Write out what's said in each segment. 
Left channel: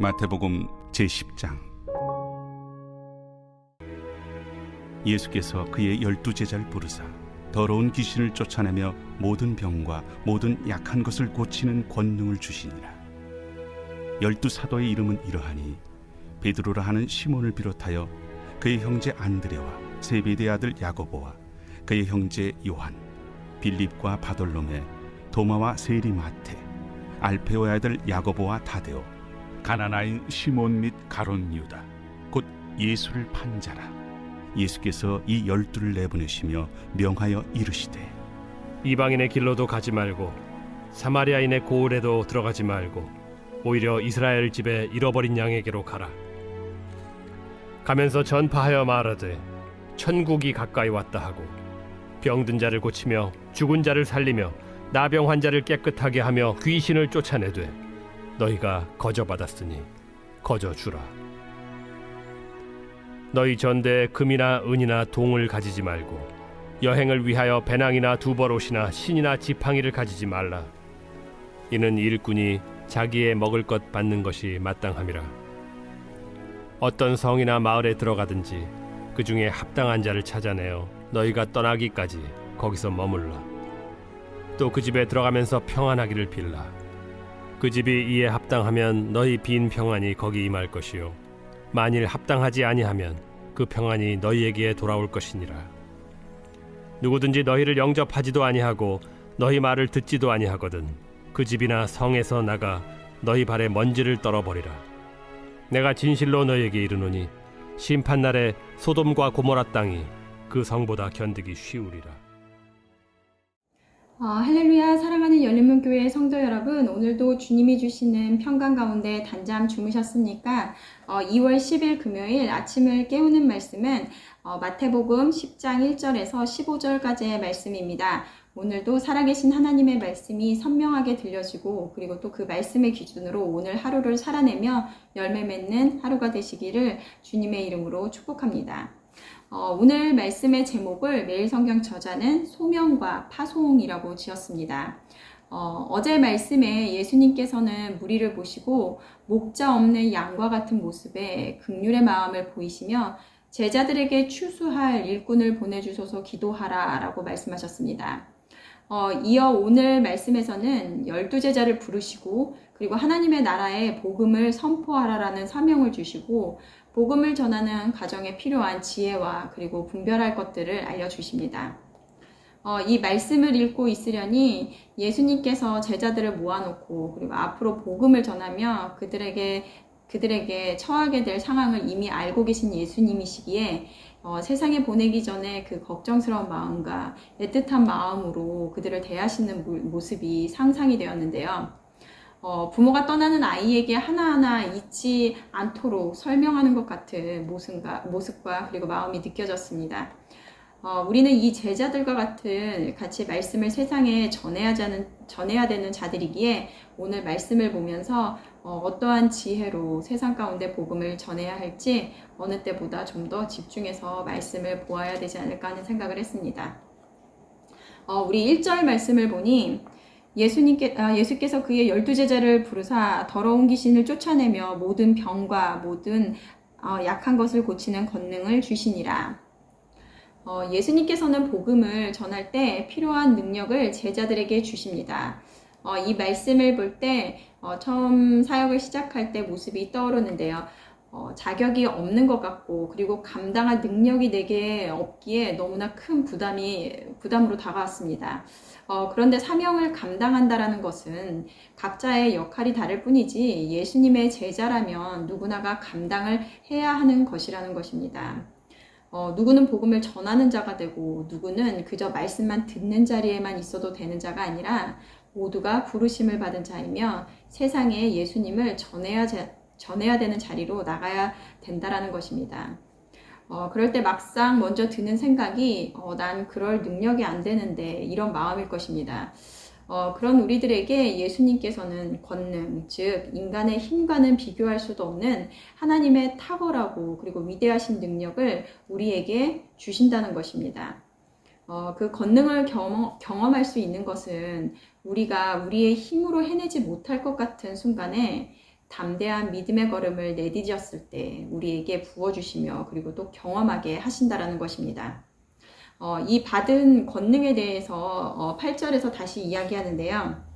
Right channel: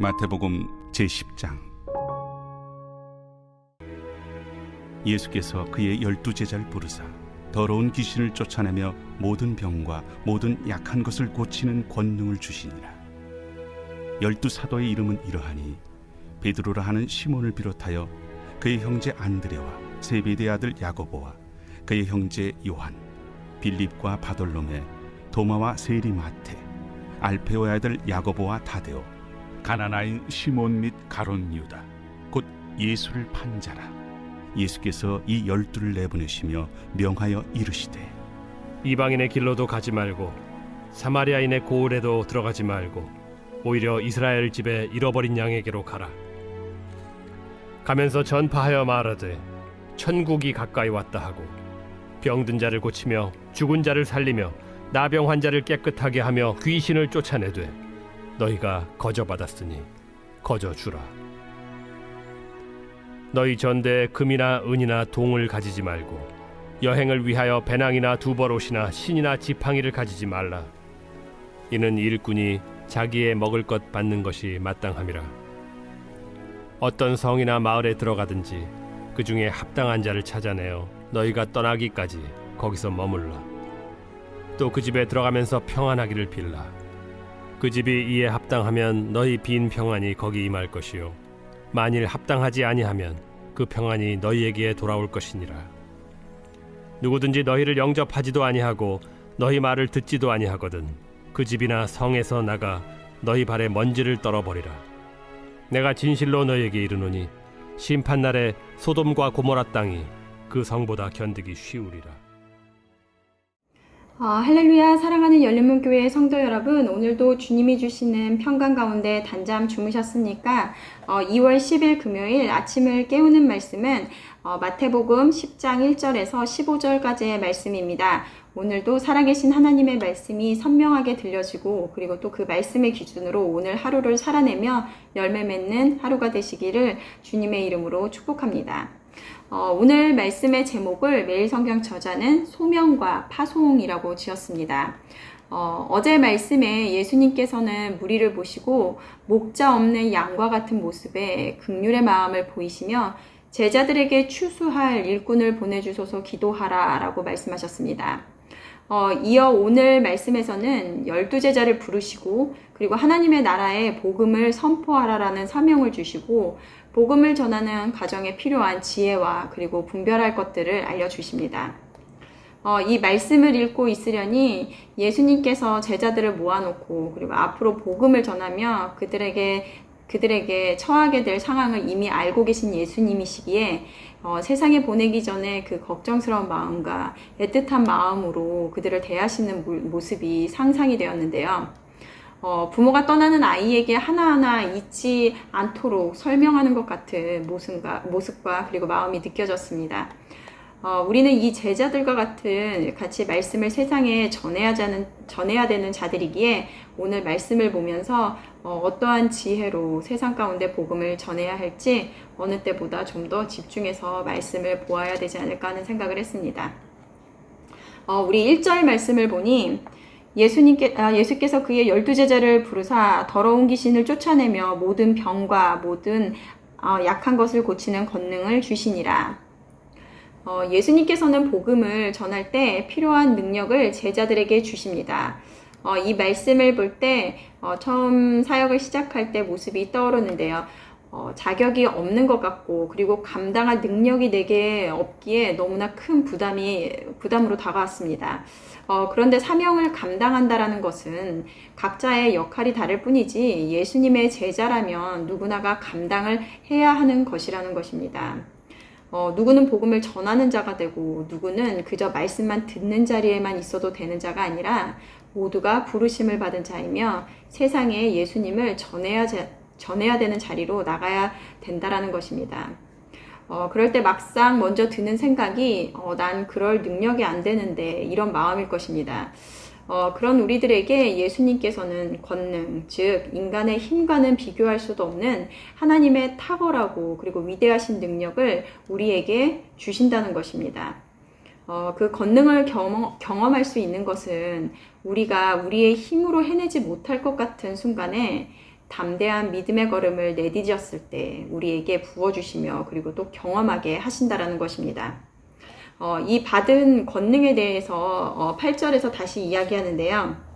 마태복음 제10장. 예수께서 그의 12제자를 부르사 더러운 귀신을 쫓아내며 모든 병과 모든 약한 것을 고치는 권능을 주시니라. 12사도의 이름은 이러하니 베드로라 하는 시몬을 비롯하여 그의 형제 안드레와 세베대의 아들 야고보와 그의 형제 요한, 빌립과 바돌로메, 도마와 세리마테, 알페오의 아들 야고보와 다데오, 가나나인 시몬 및 가룟 유다, 곧 예수를 판 자라. 예수께서 이 12를 내보내시며 명하여 이르시되, 이방인의 길로도 가지 말고 사마리아인의 고을에도 들어가지 말고 오히려 이스라엘 집에 잃어버린 양에게로 가라. 가면서 전파하여 말하되 천국이 가까이 왔다 하고 병든 자를 고치며 죽은 자를 살리며 나병 환자를 깨끗하게 하며 귀신을 쫓아내되 너희가 거저받았으니 거저주라. 너희 전대에 금이나 은이나 동을 가지지 말고 여행을 위하여 배낭이나 두벌옷이나 신이나 지팡이를 가지지 말라. 이는 일꾼이 자기의 먹을 것 받는 것이 마땅함이라. 어떤 성이나 마을에 들어가든지 그 중에 합당한 자를 찾아내어 너희가 떠나기까지 거기서 머물라. 또 그 집에 들어가면서 평안하기를 빌라. 그 집이 이에 합당하면 너희 빈 평안이 거기 임할 것이요 만일 합당하지 아니하면 그 평안이 너희에게 돌아올 것이니라. 누구든지 너희를 영접하지도 아니하고 너희 말을 듣지도 아니하거든 그 집이나 성에서 나가 너희 발에 먼지를 떨어버리라. 내가 진실로 너희에게 이르노니 심판날에 소돔과 고모라 땅이 그 성보다 견디기 쉬우리라. 할렐루야. 사랑하는 열린문교회 성도 여러분, 오늘도 주님이 주시는 평강 가운데 단잠 주무셨습니까? 2월 10일 금요일 아침을 깨우는 말씀은 마태복음 10장 1절에서 15절까지의 말씀입니다. 오늘도 살아계신 하나님의 말씀이 선명하게 들려지고 그리고 또 그 말씀의 기준으로 오늘 하루를 살아내며 열매 맺는 하루가 되시기를 주님의 이름으로 축복합니다. 오늘 말씀의 제목을 매일 성경 저자는 소명과 파송이라고 지었습니다. 어제 말씀에 예수님께서는 무리를 보시고 목자 없는 양과 같은 모습에 긍휼의 마음을 보이시며 제자들에게 추수할 일꾼을 보내주소서 기도하라 라고 말씀하셨습니다. 이어 오늘 말씀에서는 12제자를 부르시고 그리고 하나님의 나라의 복음을 선포하라라는 사명을 주시고 복음을 전하는 과정에 필요한 지혜와 그리고 분별할 것들을 알려주십니다. 이 말씀을 읽고 있으려니 예수님께서 제자들을 모아놓고 그리고 앞으로 복음을 전하며 그들에게 처하게 될 상황을 이미 알고 계신 예수님이시기에 세상에 보내기 전에 그 걱정스러운 마음과 애틋한 마음으로 그들을 대하시는 모습이 상상이 되었는데요. 부모가 떠나는 아이에게 하나하나 잊지 않도록 설명하는 것 같은 모습과 그리고 마음이 느껴졌습니다. 우리는 이 제자들과 같이 말씀을 세상에 전해야 되는 자들이기에 오늘 말씀을 보면서 어떠한 지혜로 세상 가운데 복음을 전해야 할지 어느 때보다 좀 더 집중해서 말씀을 보아야 되지 않을까 하는 생각을 했습니다. 우리 1절 말씀을 보니 예수께서 그의 12제자를 부르사 더러운 귀신을 쫓아내며 모든 병과 모든 약한 것을 고치는 권능을 주시니라. 예수님께서는 복음을 전할 때 필요한 능력을 제자들에게 주십니다. 이 말씀을 볼 때 처음 사역을 시작할 때 모습이 떠오르는데요. 자격이 없는 것 같고 그리고 감당할 능력이 내게 없기에 너무나 큰 부담으로 다가왔습니다. 그런데 사명을 감당한다라는 것은 각자의 역할이 다를 뿐이지 예수님의 제자라면 누구나가 감당을 해야 하는 것이라는 것입니다. 누구는 복음을 전하는 자가 되고 누구는 그저 말씀만 듣는 자리에만 있어도 되는 자가 아니라 모두가 부르심을 받은 자이며 세상에 예수님을 전해야 되는 자리로 나가야 된다라는 것입니다. 그럴 때 막상 먼저 드는 생각이 난 그럴 능력이 안 되는데 이런 마음일 것입니다. 그런 우리들에게 예수님께서는 권능, 즉 인간의 힘과는 비교할 수도 없는 하나님의 탁월하고 그리고 위대하신 능력을 우리에게 주신다는 것입니다. 그 권능을 경험할 수 있는 것은 우리가 우리의 힘으로 해내지 못할 것 같은 순간에 담대한 믿음의 걸음을 내디뎠을 때 우리에게 부어주시며 그리고 또 경험하게 하신다라는 것입니다. 이 받은 권능에 대해서 8절에서 다시 이야기하는데요.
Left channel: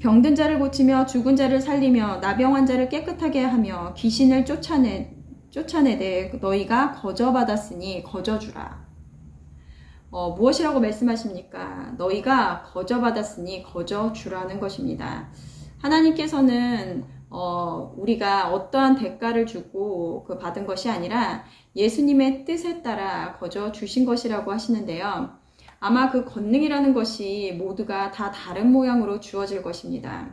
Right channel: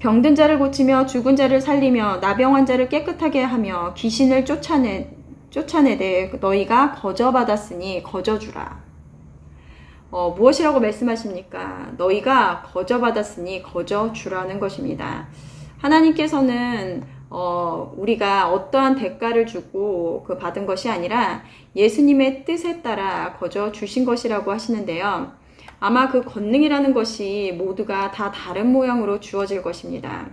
병든 자를 고치며 죽은 자를 살리며 나병 환자를 깨끗하게 하며 귀신을 쫓아내되 너희가 거저받았으니 거저주라. 무엇이라고 말씀하십니까? 너희가 거저받았으니 거저주라는 것입니다. 하나님께서는 우리가 어떠한 대가를 주고 그 받은 것이 아니라 예수님의 뜻에 따라 거저 주신 것이라고 하시는데요. 아마 그 권능이라는 것이 모두가 다 다른 모양으로 주어질 것입니다.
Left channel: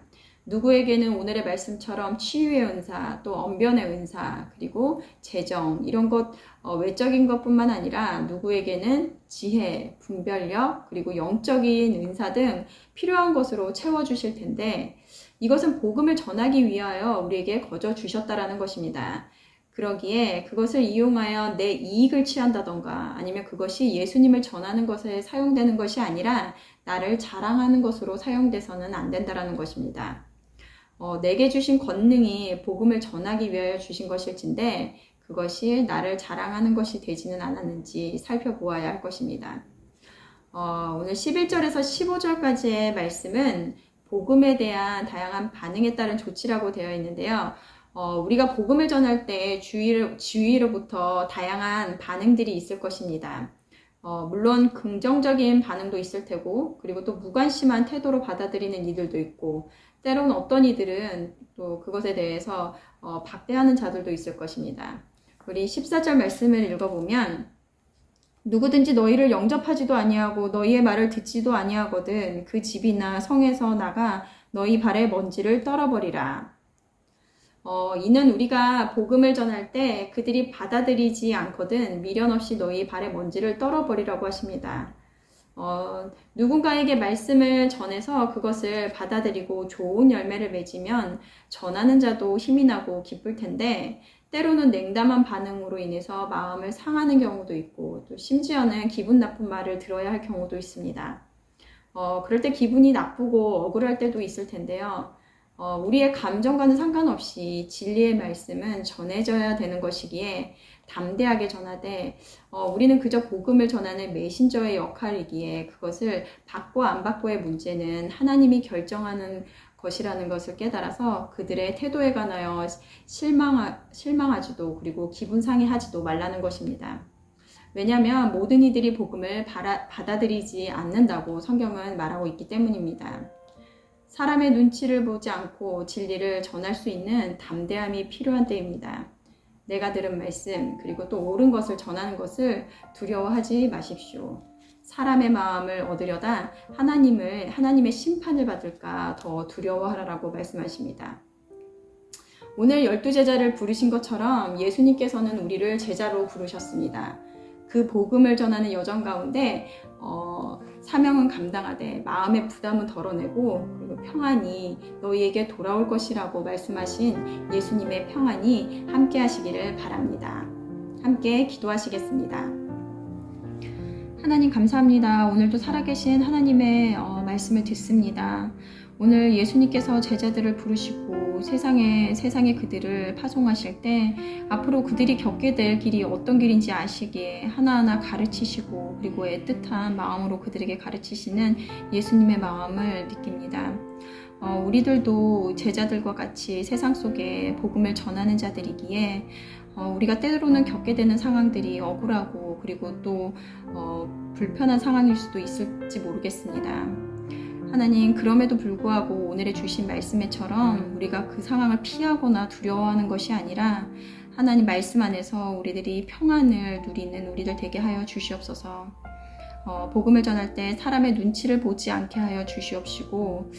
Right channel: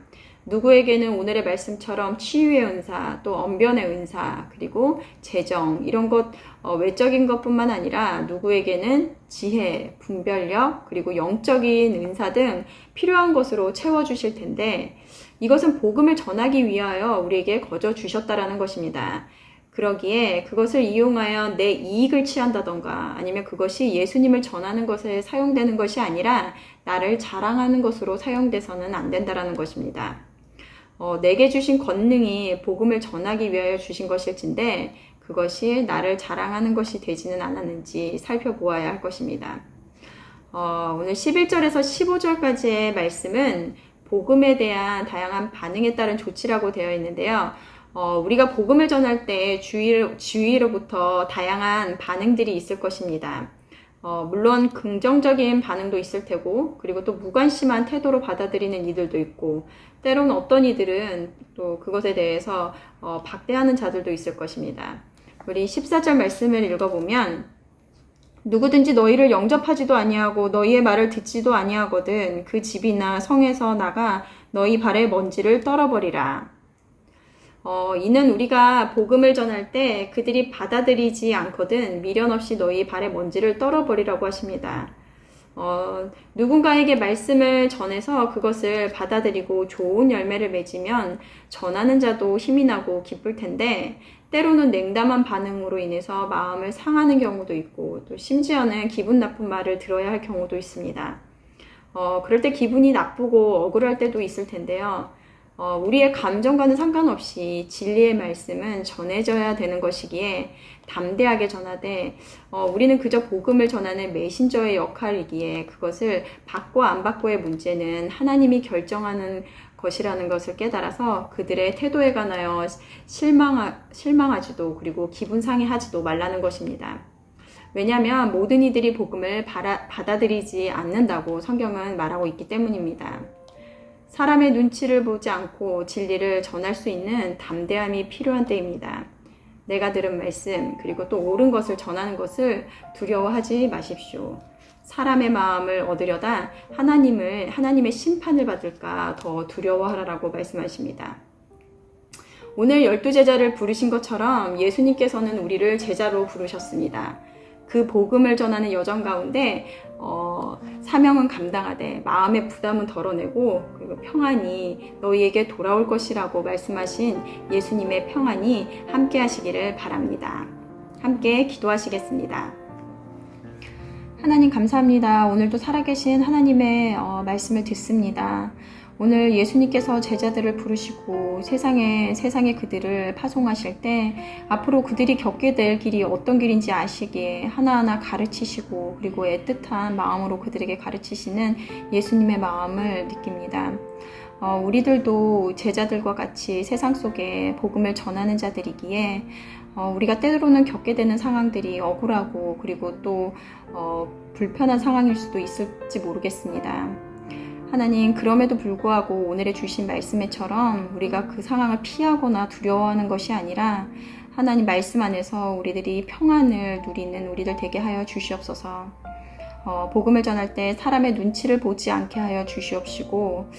누구에게는 오늘의 말씀처럼 치유의 은사, 또 언변의 은사, 그리고 재정 이런 것 외적인 것뿐만 아니라 누구에게는 지혜, 분별력, 그리고 영적인 은사 등 필요한 것으로 채워주실 텐데 이것은 복음을 전하기 위하여 우리에게 거저 주셨다라는 것입니다. 그러기에 그것을 이용하여 내 이익을 취한다던가 아니면 그것이 예수님을 전하는 것에 사용되는 것이 아니라 나를 자랑하는 것으로 사용돼서는 안 된다라는 것입니다. 내게 주신 권능이 복음을 전하기 위하여 주신 것일진데 그것이 나를 자랑하는 것이 되지는 않았는지 살펴보아야 할 것입니다. 오늘 11절에서 15절까지의 말씀은 복음에 대한 다양한 반응에 따른 조치라고 되어 있는데요. 우리가 복음을 전할 때 주위로부터 다양한 반응들이 있을 것입니다. 물론 긍정적인 반응도 있을 테고 그리고 또 무관심한 태도로 받아들이는 이들도 있고 때로는 어떤 이들은 또 그것에 대해서 박대하는 자들도 있을 것입니다. 우리 14절 말씀을 읽어보면 누구든지 너희를 영접하지도 아니하고 너희의 말을 듣지도 아니하거든 그 집이나 성에서 나가 너희 발의 먼지를 떨어버리라. 이는 우리가 복음을 전할 때 그들이 받아들이지 않거든 미련 없이 너희 발의 먼지를 떨어버리라고 하십니다. 누군가에게 말씀을 전해서 그것을 받아들이고 좋은 열매를 맺으면 전하는 자도 힘이 나고 기쁠 텐데 때로는 냉담한 반응으로 인해서 마음을 상하는 경우도 있고 또 심지어는 기분 나쁜 말을 들어야 할 경우도 있습니다. 그럴 때 기분이 나쁘고 억울할 때도 있을 텐데요. 우리의 감정과는 상관없이 진리의 말씀은 전해져야 되는 것이기에 담대하게 전하되 우리는 그저 복음을 전하는 메신저의 역할이기에 그것을 받고 안 받고의 문제는 하나님이 결정하는 것이라는 것을 깨달아서 그들의 태도에 관하여 실망하지도 그리고 기분 상해하지도 말라는 것입니다. 왜냐하면 모든 이들이 복음을 받아들이지 않는다고 성경은 말하고 있기 때문입니다. 사람의 눈치를 보지 않고 진리를 전할 수 있는 담대함이 필요한 때입니다. 내가 들은 말씀 그리고 또 옳은 것을 전하는 것을 두려워하지 마십시오. 사람의 마음을 얻으려다 하나님의 심판을 받을까 더 두려워하라고 말씀하십니다. 오늘 12제자를 부르신 것처럼 예수님께서는 우리를 제자로 부르셨습니다. 그 복음을 전하는 여정 가운데 사명은 감당하되 마음의 부담은 덜어내고 그리고 평안이 너희에게 돌아올 것이라고 말씀하신 예수님의 평안이 함께 하시기를 바랍니다. 함께 기도하시겠습니다. 하나님 감사합니다. 오늘도 살아계신 하나님의 말씀을 듣습니다. 오늘 예수님께서 제자들을 부르시고 세상에 그들을 파송하실 때 앞으로 그들이 겪게 될 길이 어떤 길인지 아시기에 하나하나 가르치시고 그리고 애틋한 마음으로 그들에게 가르치시는 예수님의 마음을 느낍니다. 우리들도 제자들과 같이 세상 속에 복음을 전하는 자들이기에 우리가 때로는 겪게 되는 상황들이 억울하고 그리고 또 불편한 상황일 수도 있을지 모르겠습니다. 하나님, 그럼에도 불구하고 오늘의 주신 말씀에처럼 우리가 그 상황을 피하거나 두려워하는 것이 아니라 하나님 말씀 안에서 우리들이 평안을 누리는 우리들 되게 하여 주시옵소서. 복음을 전할 때 사람의 눈치를 보지 않게 하여 주시옵시고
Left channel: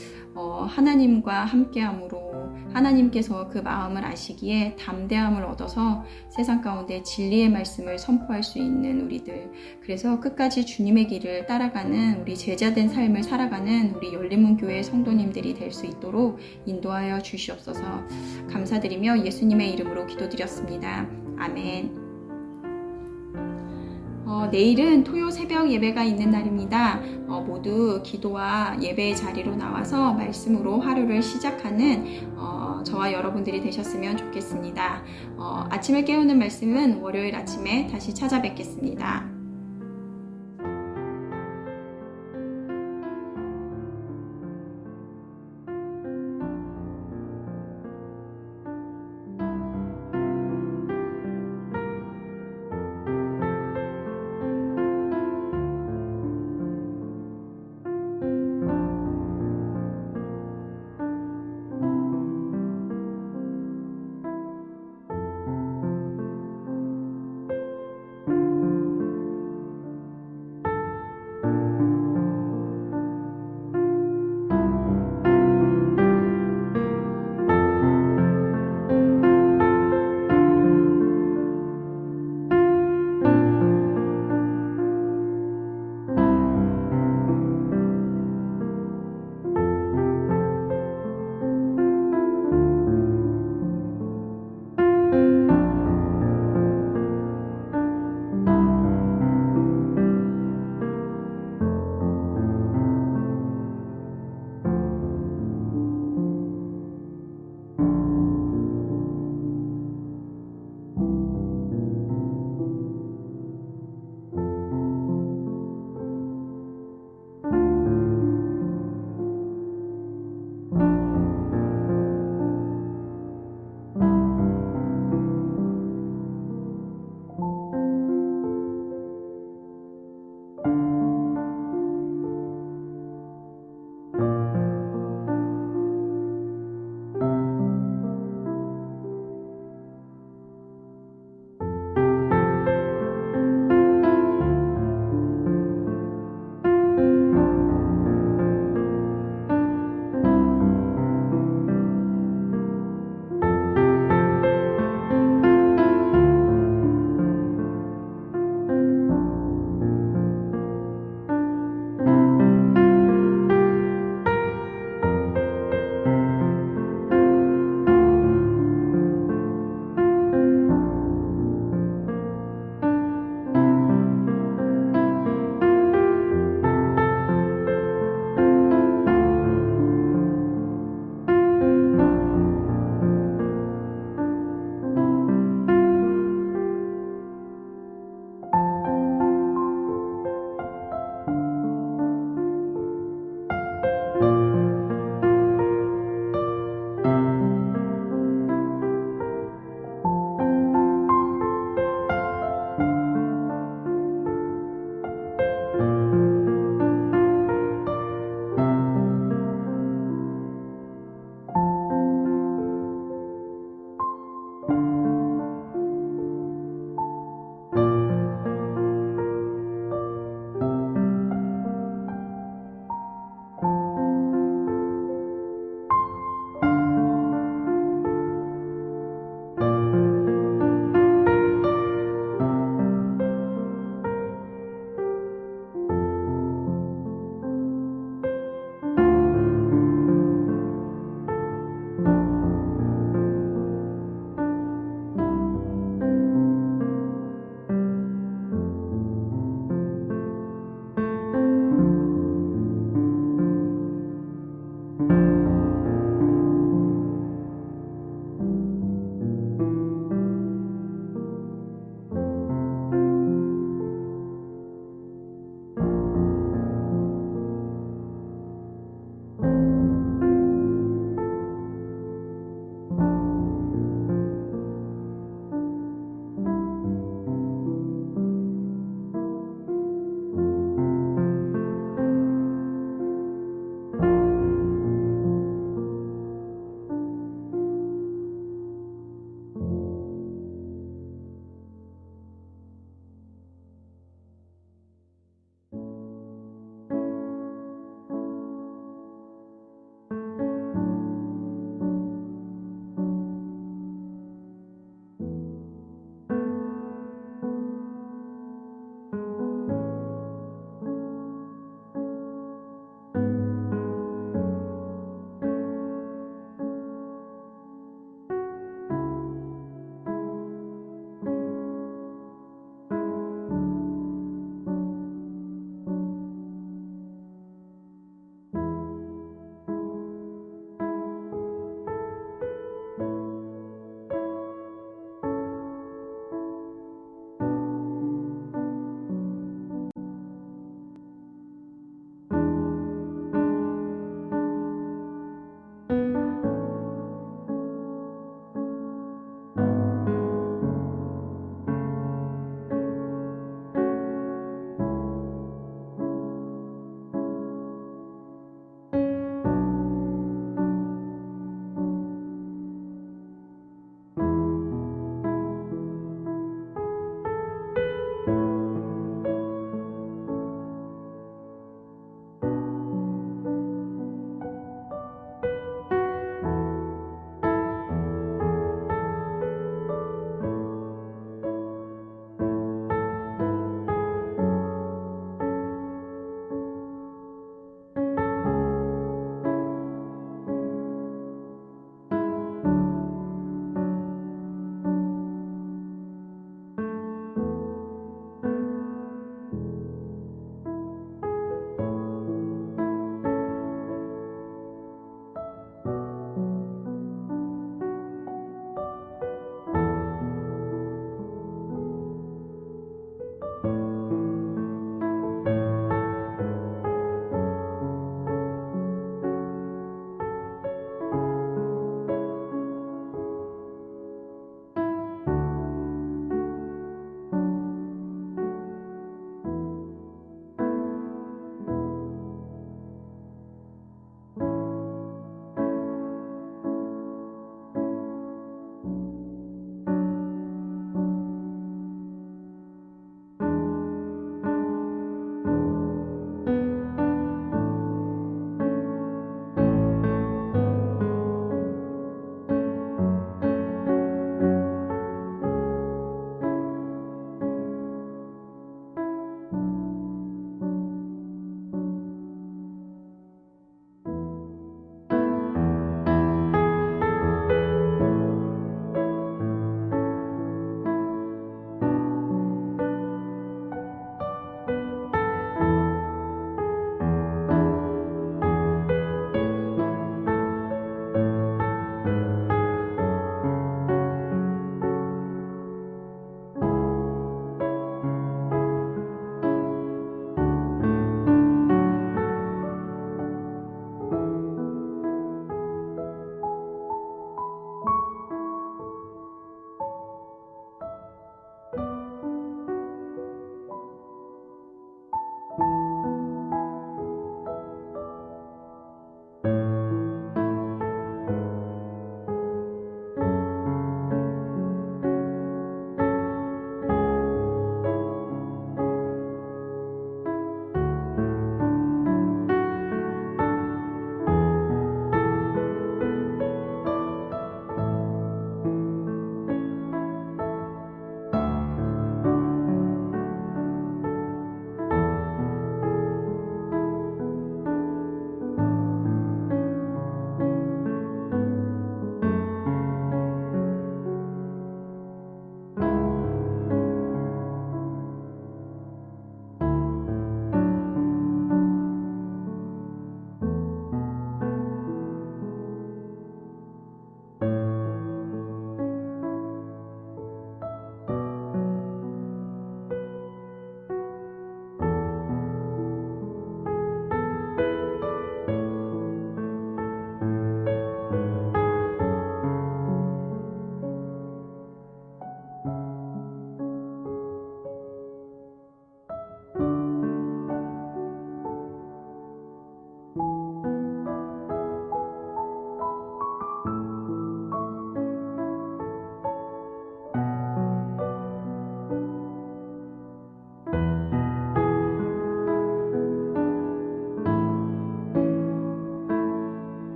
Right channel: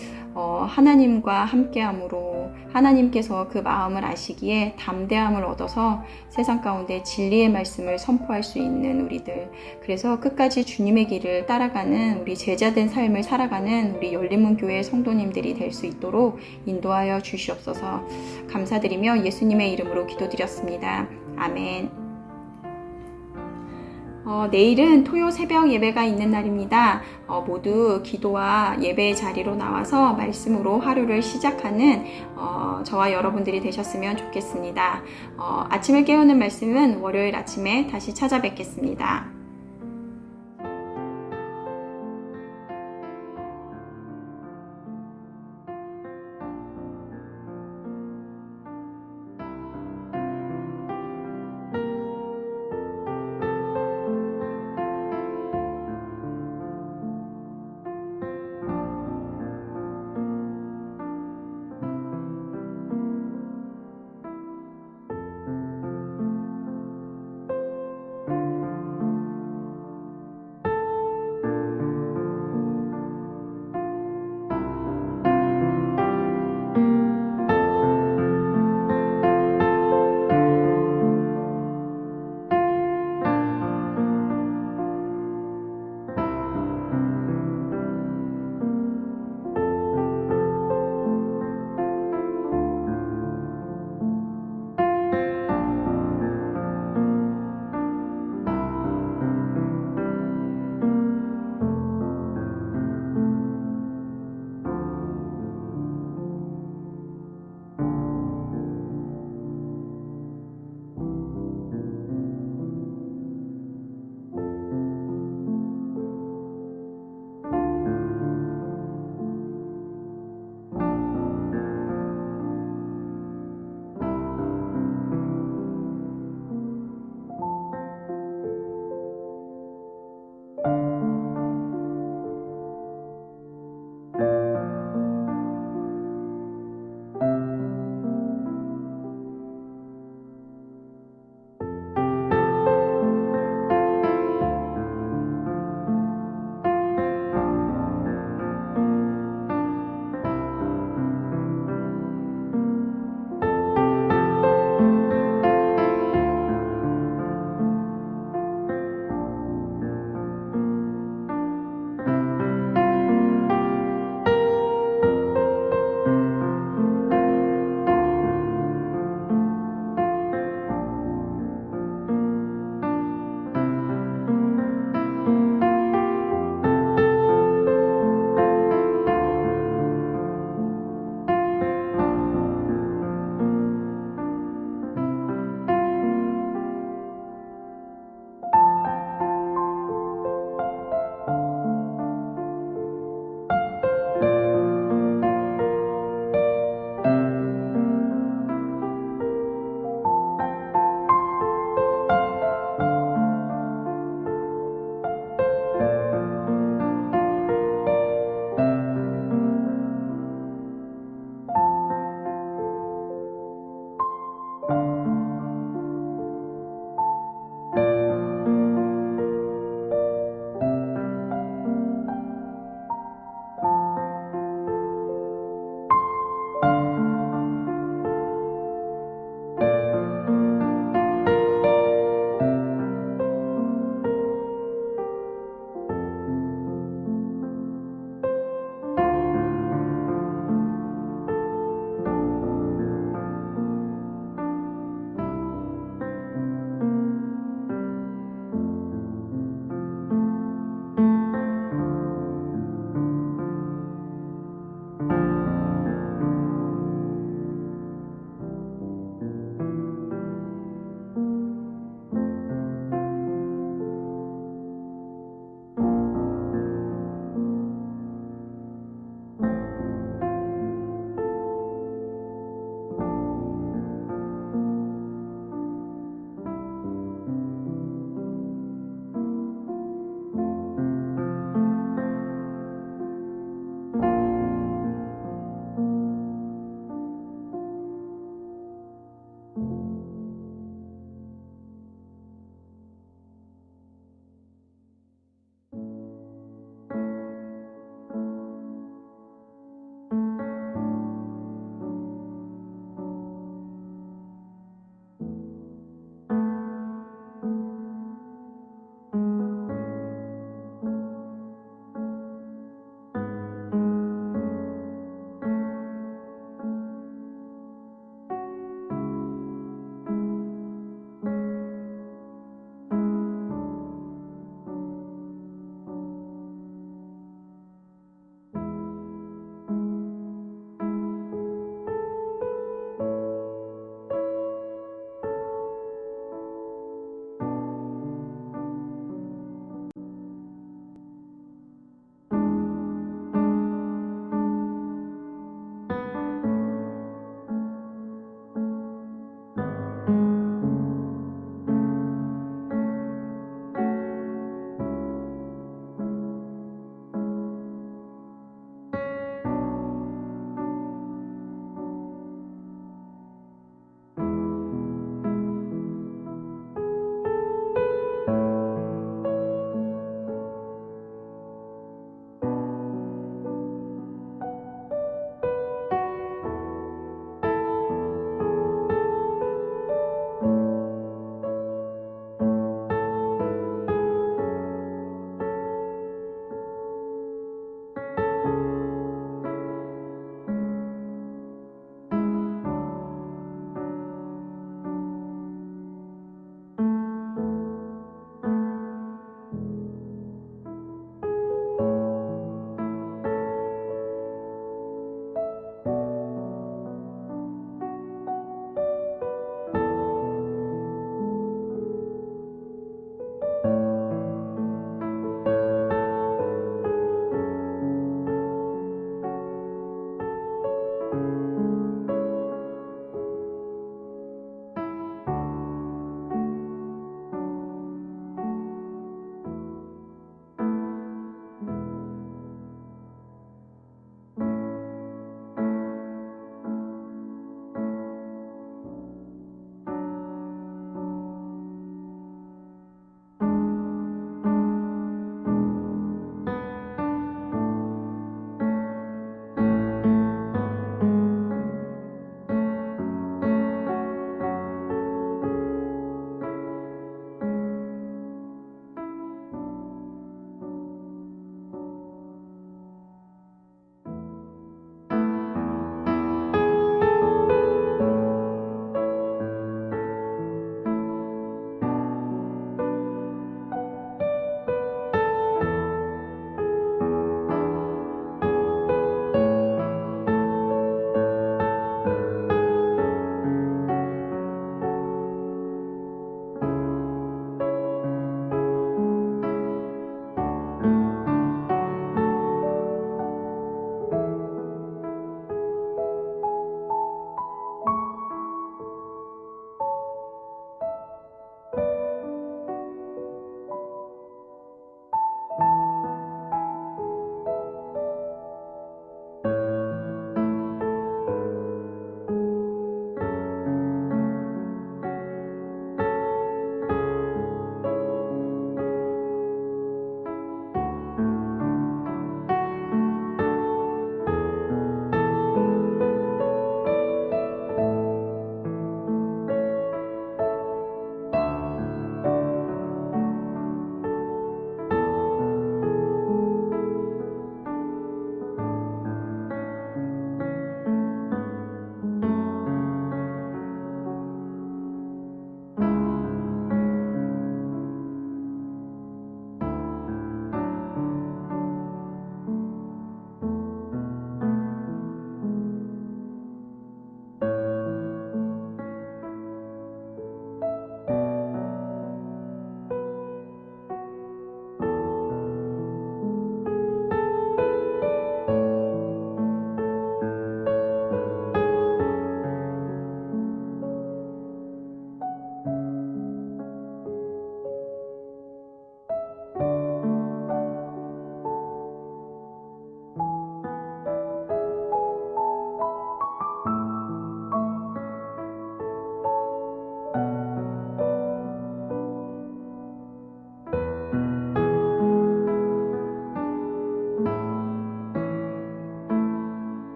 하나님과 함께함으로 하나님께서 그 마음을 아시기에 담대함을 얻어서 세상 가운데 진리의 말씀을 선포할 수 있는 우리들, 그래서 끝까지 주님의 길을 따라가는 우리 제자된 삶을 살아가는 우리 열린문교회 성도님들이 될 수 있도록 인도하여 주시옵소서. 감사드리며 예수님의 이름으로 기도드렸습니다. 아멘. 내일은 토요 새벽 예배가 있는 날입니다. 모두 기도와 예배의 자리로 나와서 말씀으로 하루를 시작하는 저와 여러분들이 되셨으면 좋겠습니다. 아침을 깨우는 말씀은 월요일 아침에 다시 찾아뵙겠습니다.